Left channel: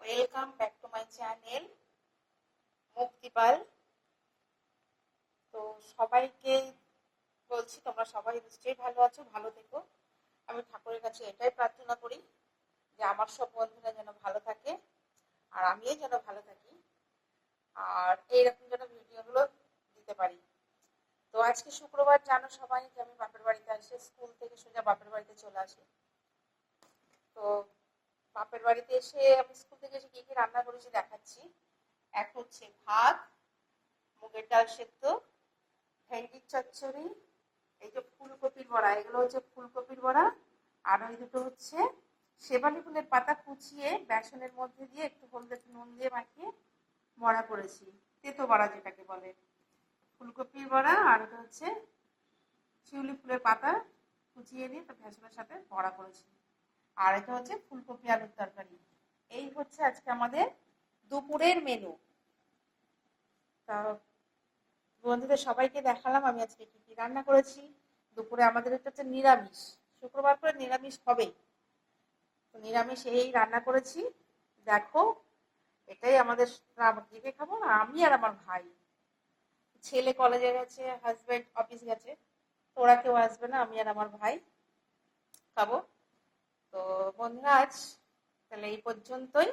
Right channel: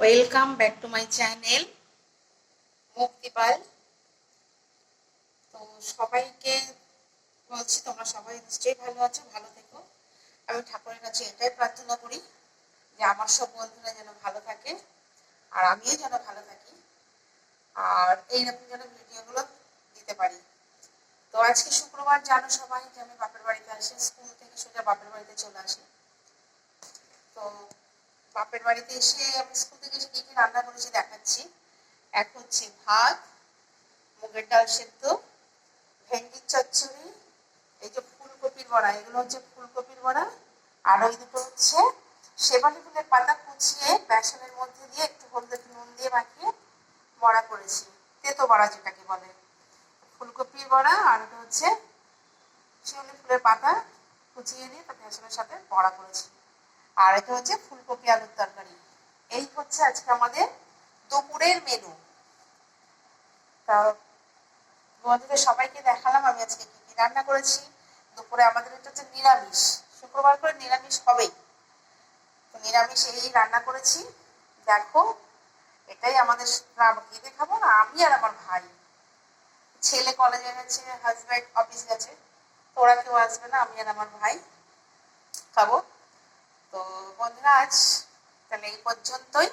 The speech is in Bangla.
Welcome back to my channel মুক্তিপাল তো সবাইকে বলছি, তোমরা সবাই নিশ্চয়ই ভালো আছো, ভালো থেকো। আমি ঠাকুরের কাছে এটাই প্রার্থনা করি যে আমার সব বন্ধুরা যেন ভালো থাকে, আর আমিও যেন ভালো থাকি, আর এইরকম যেন ভিডিওগুলো দিতে পারি। তো আজকে শুক্রবার, জানো সবাই, যে আমি বাপের বাড়িতে আসি, স্কুল থেকে সোজা বাপের বাড়িতে চলে আসি। তো বাপের বাড়িতে এসে আমি স্কুল থেকে এসে কি কি রান্না করেছি দেখাচ্ছি। এক হচ্ছে ভাত, মুগের ডাল সেদ্ধ, ভেন্ডির চচ্চড়ি, এই যে ফুলকপির বড়া, এগুলো হচ্ছে ফুলকপির বড়া। আর ওই দুটো হচ্ছে শেবালি ফুলের পাতা কুচিয়ে বেসনের মধ্যে দিয়ে একটু হলদে নুন দিয়ে মাখিয়ে বড়া করেছি। তেতো বড়া যেটাকে বলে। ফুলকপির বড়া আর ওটা হচ্ছে শিউলি ফুলের পাতা কুচিয়ে নিয়ে তা বেসনের সাথে বড়া করেছি। আর এটা হচ্ছে ফুলকপি আলুর তরকারি। এই হচ্ছে আজকে আমাদের দুপুরের মেনু তা বন্ধুদের সবাইকে দেখালাম আমি আজকে কি কি রান্না করেছি। দুপুরে আমাদের এটা হচ্ছে নিরামিষ। শুক্রবার করে নিরামিষ হবেই। তো নিরামিষ এই রান্না করেছি। দেখো, এটাই আমাদের কি খাব না? আমি আর আমার ভাই। ছেলে কলেজে গেছে হাজব্যান্ড অফিস গেছে। তো ওরা কেউ আসবে না, আমি আর আমার ভাই। খাব। আজ তাহলে এই পর্যন্তই।